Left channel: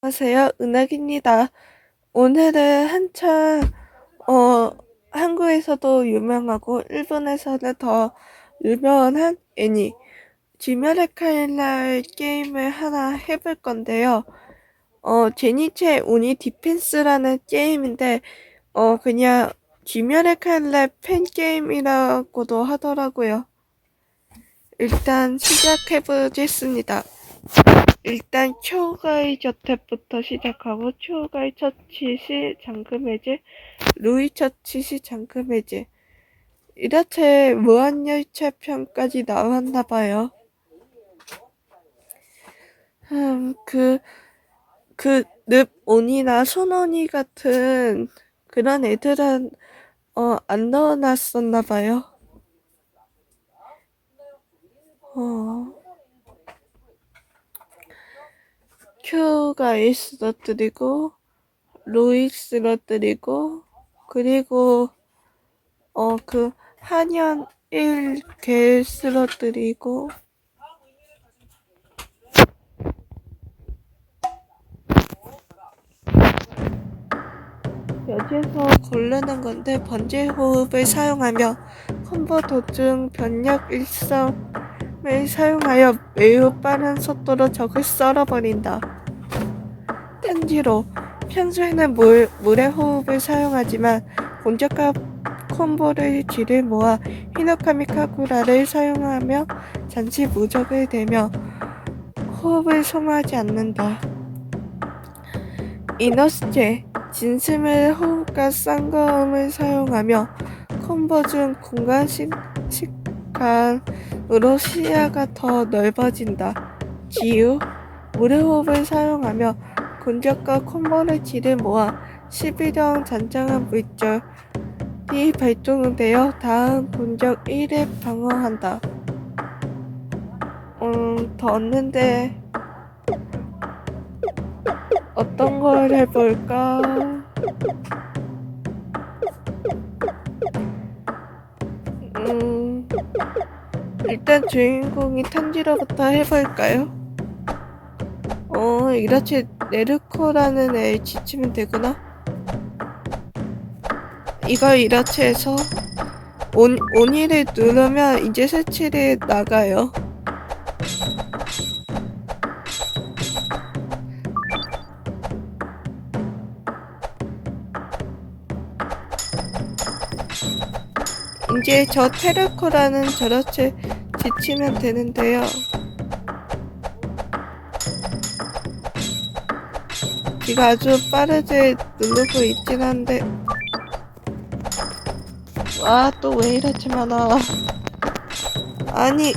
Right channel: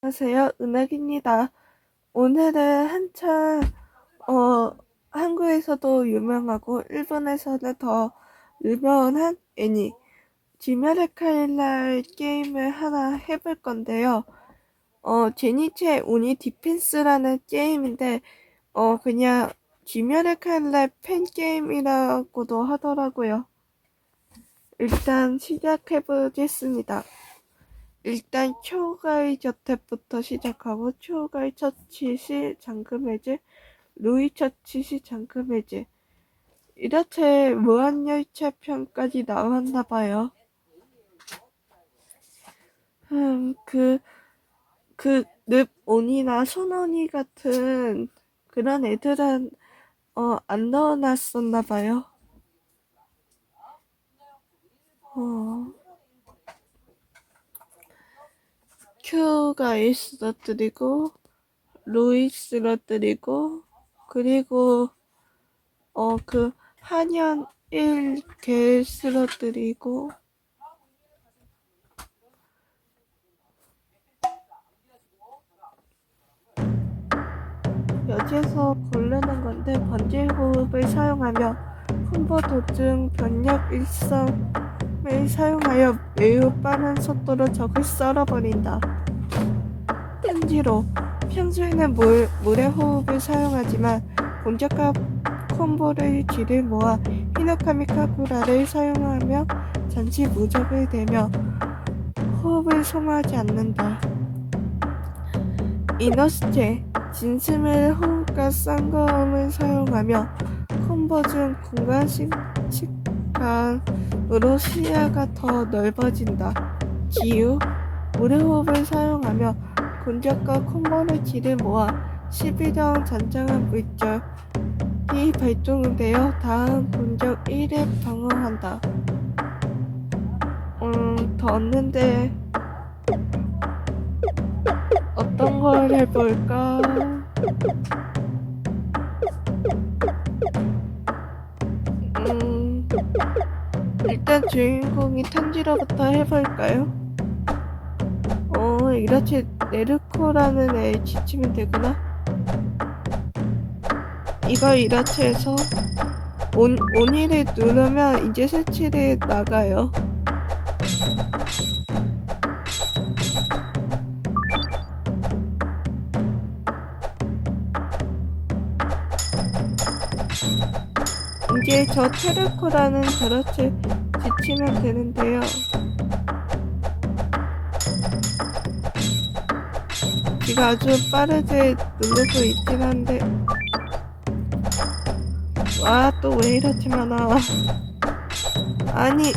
안녕하세요. 은학입니다. 오늘은 한창, 어, 한국에서도 유명하고, 일본에서는 더 유명한 애니, 지멸의 칼날 게임을 하나 해볼 건데요. 어, 제니체 오니 디펜스라는 게임인데, 어, 그냥 지멸의 칼날 팬게임이라고도 하더라고요. 일단 시작해보겠습니다. 일단 초가의 저택부터 시작하고 초가의 처치 시 잠금 해제, 루이 처치 시 잠금 해제. 이렇게 무한열차 편까지 나왔나 봐요. 음, 그, 그, 늪 온이나 손온이 같은 그런 애들은, 어, 안 넣어놨었나 봐요. 어. 큐가 일 쓰러뜨리고 로이 쓰러뜨리고 그리고 어 그 한연 1개 쓰러뜨리고 여기에서 고르는 건데 번제 호흡을 사용하며 콤보 도중 변력 일성을 사용하여 매우 빠른 속도로 적을 썰어버린다. 땡지로 평소에는 물, 물의 호흡을 사용하지만 공격과 콤보를 뒤를 모아 히노카미 카구라를 사용하며 잠시 무적을 대며 호흡을 소모하지 않는다. 이너스체 진심의 호흡과 쌍거음을 사용하며 콤보 중 공간 시, 식감으로 시야가 더 넓어진다. 지유 물의 호흡을 사용하며 공격과 콤보의 질을 모아 11형 잔장한 물질이 발동되어 다음 공격 1에 방어한다. 음, 더 없는데 어떤 걸 해볼까? 음, 일단 주인공이 탄지로부터 해볼까요? 어, 이렇게 네르코라는 애를 지치면 되구나. 이거 해서 온, 온이를 누르면 이제 색칠이 나가요. 이제 저 테르코라는 저렇게 지치면 되는데요. 제가 아주 빠르게 누르고 있긴 한데. 와 또 왜 이렇게 많아 아니.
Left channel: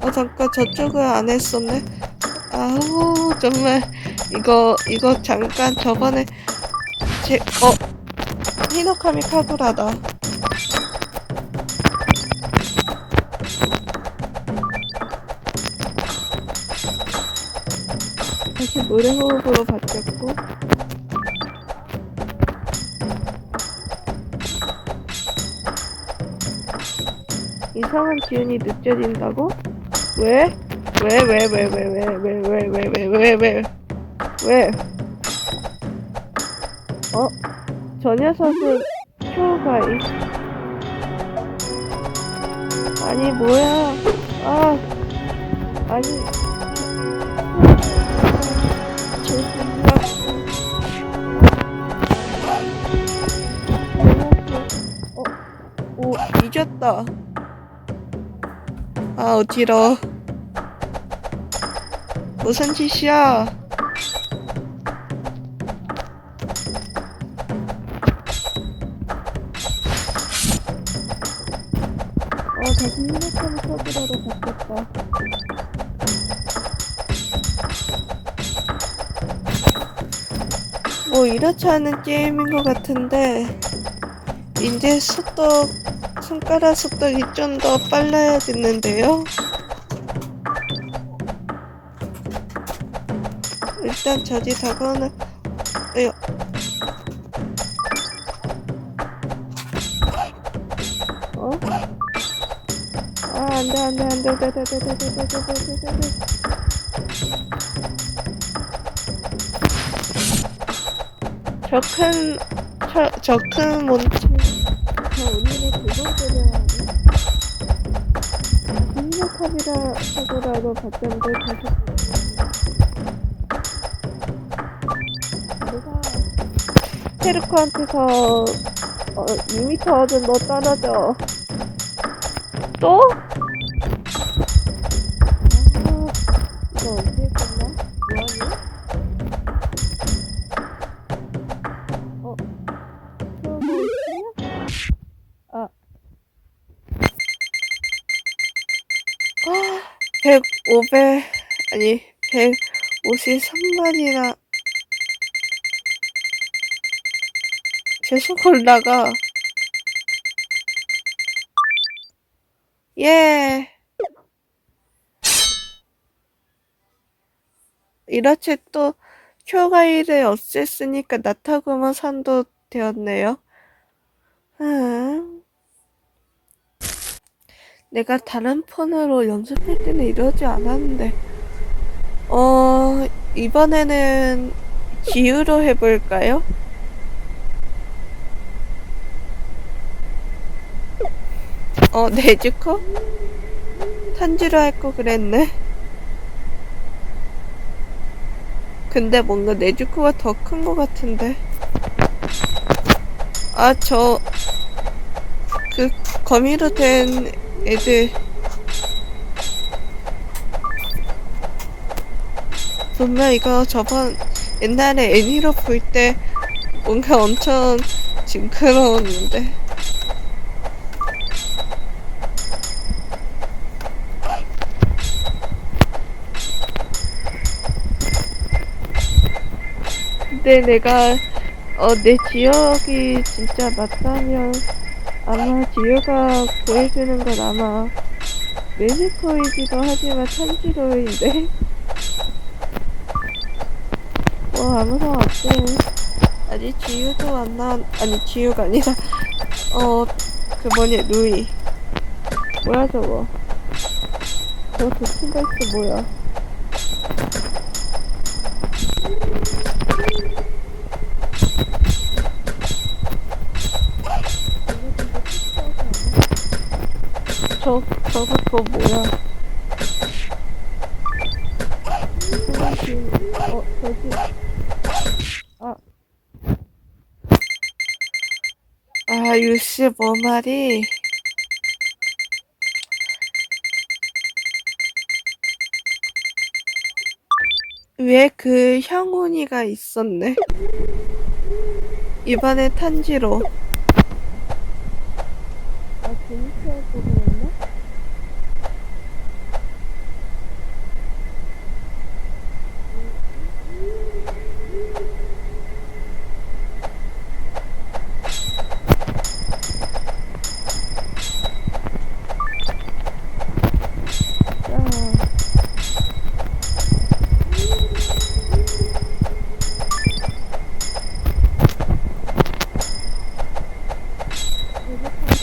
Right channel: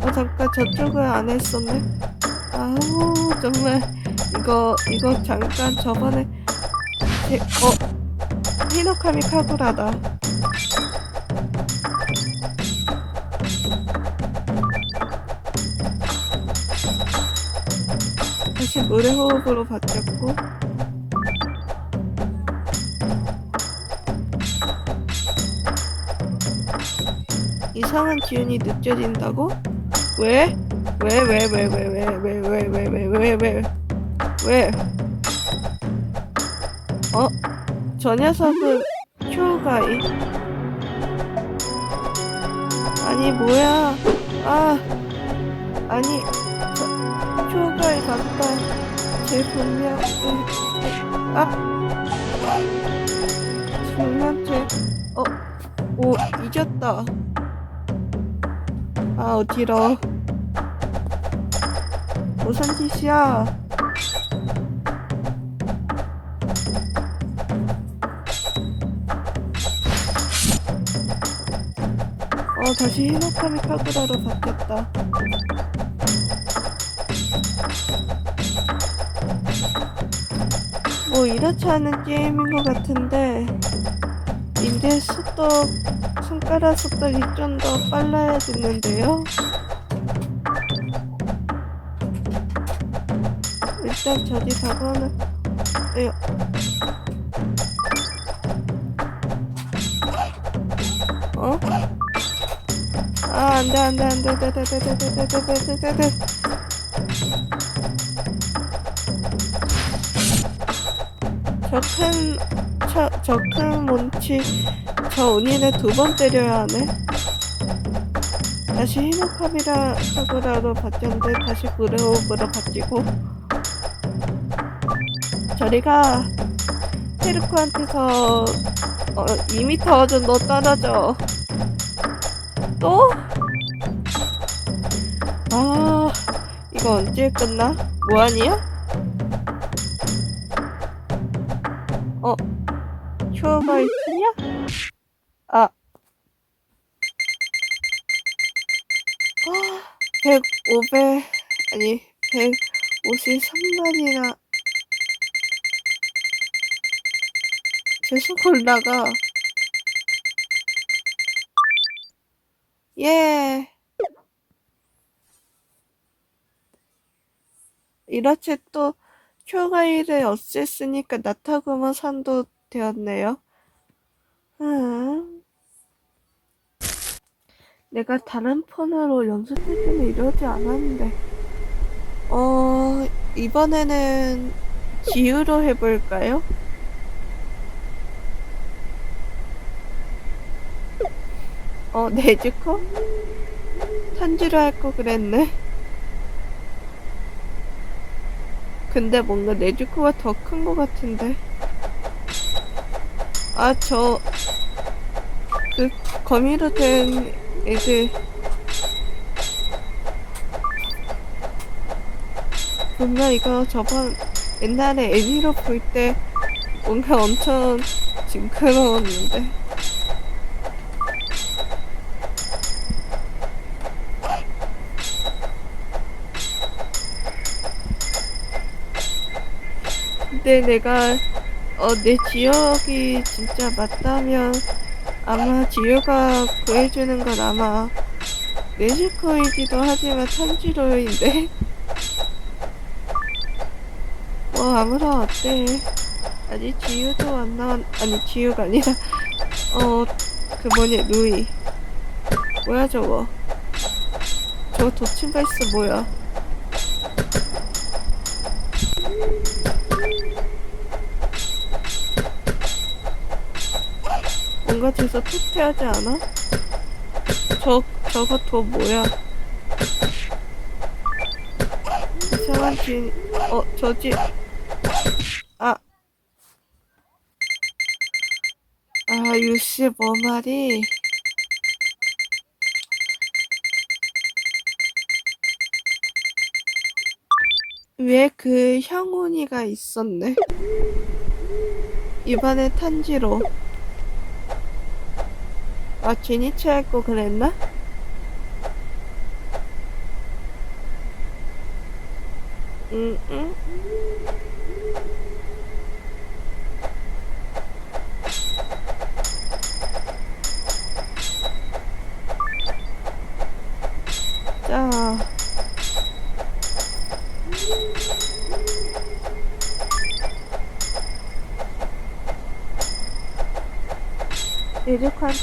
어 잠깐 저쪽을 안 했었네. 아우 정말. 이거 이거 잠깐 저번에 제, 어, 히노카미 카구라다. 물의 호흡으로 바뀌었고, 이상한 기운이 느껴진다고? 왜? 왜, 왜, 왜, 왜, 왜, 왜, 왜, 왜, 왜, 왜, 왜, 왜? 어? 저 녀석은 큐가이 아니 뭐야 아 아니 큐가이 어 오 잊었다. 아 어지러 무슨 짓이야? 어, 다시 히노카미 카구라로 바뀌었다. 뭐 이렇지 않은 게임인 것 같은데 이제 속도 손가락 속도이 좀 더 빨라야겠는데요. 일단 저기 다가오는 에휴. 어? 아 안돼 안돼 안돼 안돼 안돼 안돼 안돼 안돼 안돼 저큰 저큰 몬치 저 운이네 두 번 때려야 하네 다시 히노카비라 사고라로 바뀌었는데 다시 브레오브로 바뀌고 저리가 테르코한테서 어, 2m 정도 떨어져 또? 아 이거 언제 끝나? 뭐하니야? 100, 500 아니 153만이나 계속 올라가 예 이렇게 또 큐가이를 없앴으니까 나타구마 산도 되었네요 음. 내가 다른 폰으로 연습할 때는 이러지 않았는데 어 이번에는 기유로 해볼까요? 어 네즈코? 탄지로 할 거 그랬네 근데 뭔가 네즈코가 더 큰 거 같은데 아저그 거미로 된 애들. 분명 이거 저번 옛날에 애니로 볼 때 뭔가 엄청 징그러웠는데. 근데 내가 어내 지역이 진짜 맞다면 아마 지유가 구해주는 건 아마 네즈코이기도 하지만 탄지로인데? 뭐 아무나 어때 아니 지유도 안 나왔 아니 지유가 아니라 어 그 뭐냐 루이. 뭐야 저거? 저 도친가스 뭐야 뭔가 저서 투태하지 않아? 저 저거 그거 뭐야 이상한 주인 어 저지 아 아, 유씨 뭐 말이? 왜그 형훈이가 있었네? 이번에 탄지로. 아, 마취니 취했고 그랬나? 응응 자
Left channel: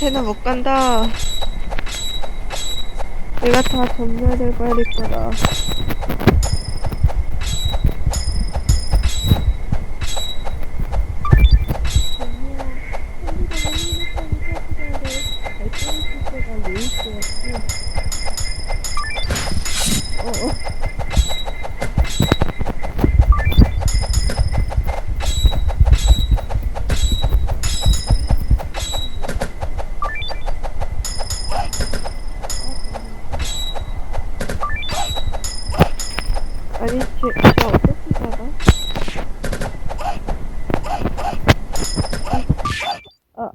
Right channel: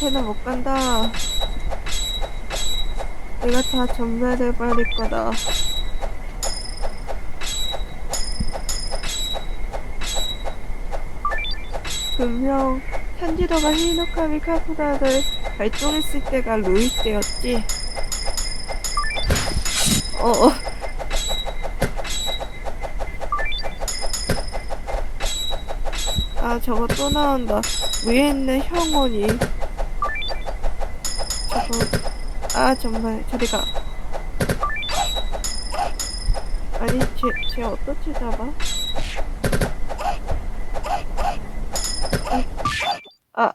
한테는 못 간다. 내가 다 전멸해 버릴 거다. 분명 탄지로가 히노카미 카쿠라를 발동했을 때가 루이 때였지. 어, 어. 아, 저거 또 나온다. 위에 있는 형원이. 아, 정말. 저리가. 아니, 쟤, 쟤 어떻게 잡아? 아.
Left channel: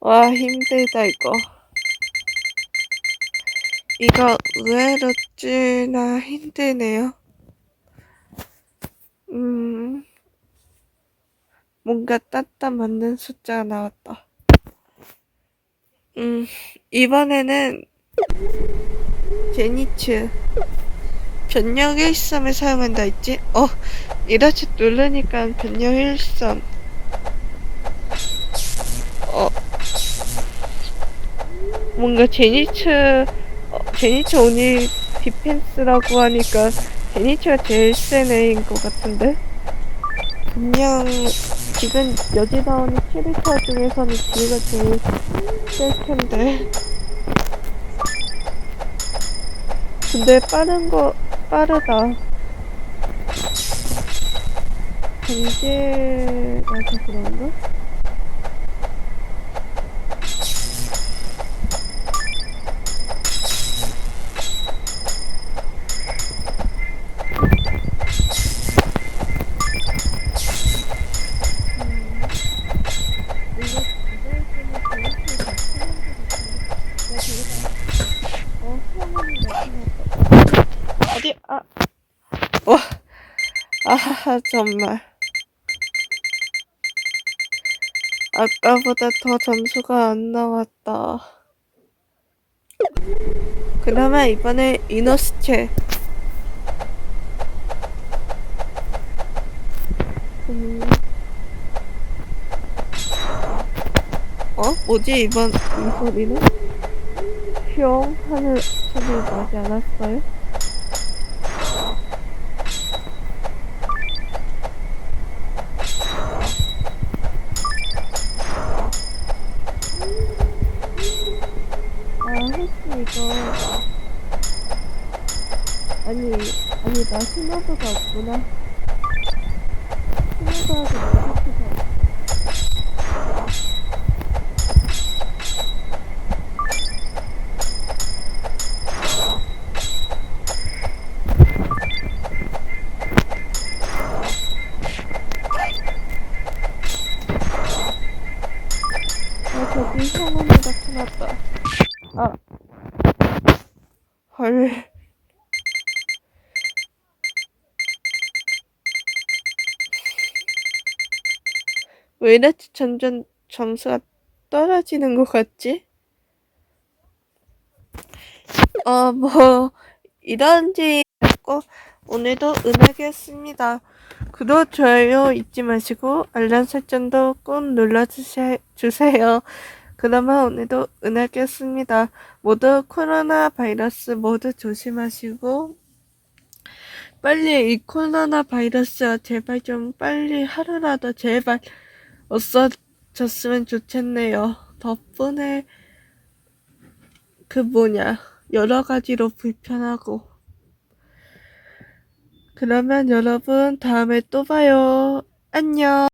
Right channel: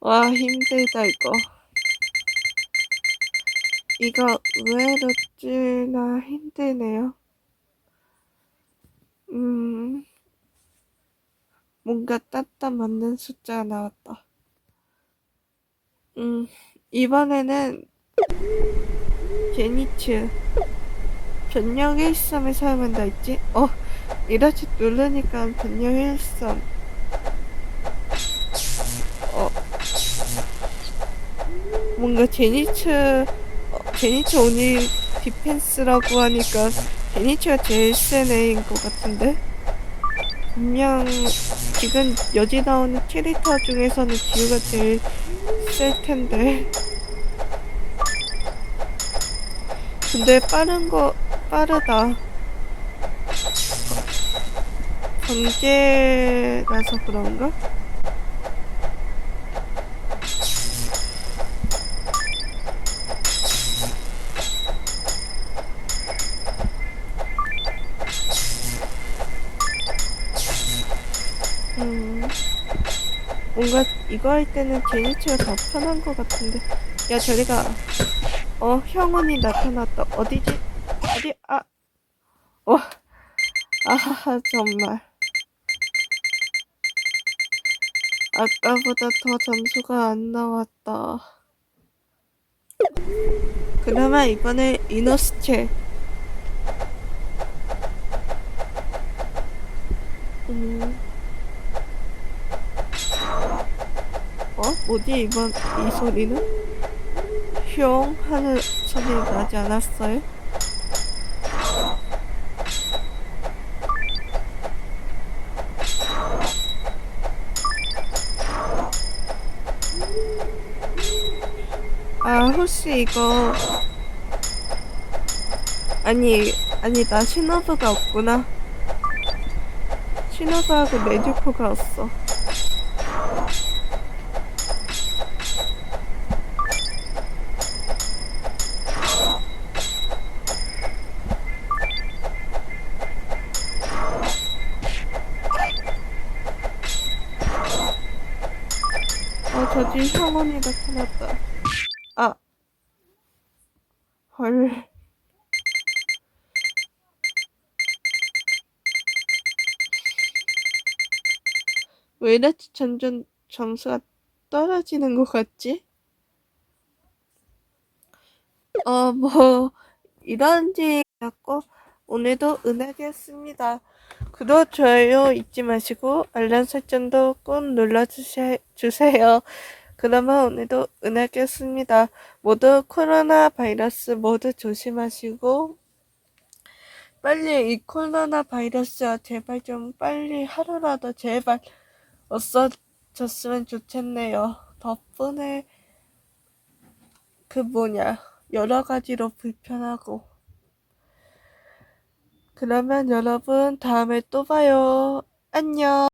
와, 힘들다, 이거. 이거 의외로 찌나 힘드네요. 음, 뭔가 따따 맞는 숫자가 나왔다. 음, 이번에는 제니츠 변형 일섬을 사용한다 했지? 어, 이렇게 누르니까 변형 일섬. 어, 뭔가 제니츠 어, 제니츠 오니 디펜스라고 하니까 제니츠가 제일 센 애인 것 같은데 그냥 지금 여지 나오는 캐릭터 중에서는 지우가 제일 셀 텐데 근데 빠른 거 빠르다 경제라서 그런가? 뭔가 이거 할 때는 제니치가 더 편한 것 같은데. 야, 저리가. 어, 형원이 나타났다. 어디지? 어디? 아, 와, 아, 정말. 아까보다 더 점수가 안 나왔다. 그러면 이번에 이노스체. 음. 어? 뭐지 이번 이 소리는? 흉 하는 소리 나지 않았어요? 아 혹시 이거 아니 아니 나 신호부가 없구나 신호부하고 내주포가 없어 어, 저기 형원이 나타났다. 아. 헐. 왜 이렇게 점점 점수가 떨어지는 것 같지? 어, 뭐, 이런지 했고, 오늘도 은하계였습니다. 구독, 좋아요 잊지 마시고, 알람 설정도 꼭 눌러주세요. 그러면 오늘도 은하계였습니다. 모두 코로나 바이러스 모두 조심하시고, 빨리 이 코로나 바이러스가 제발 좀 빨리 하루라도 제발 없어졌으면 좋겠네요. 덕분에 그 뭐냐, 여러 가지로 불편하고. 그러면 여러분 다음에 또 봐요. 안녕.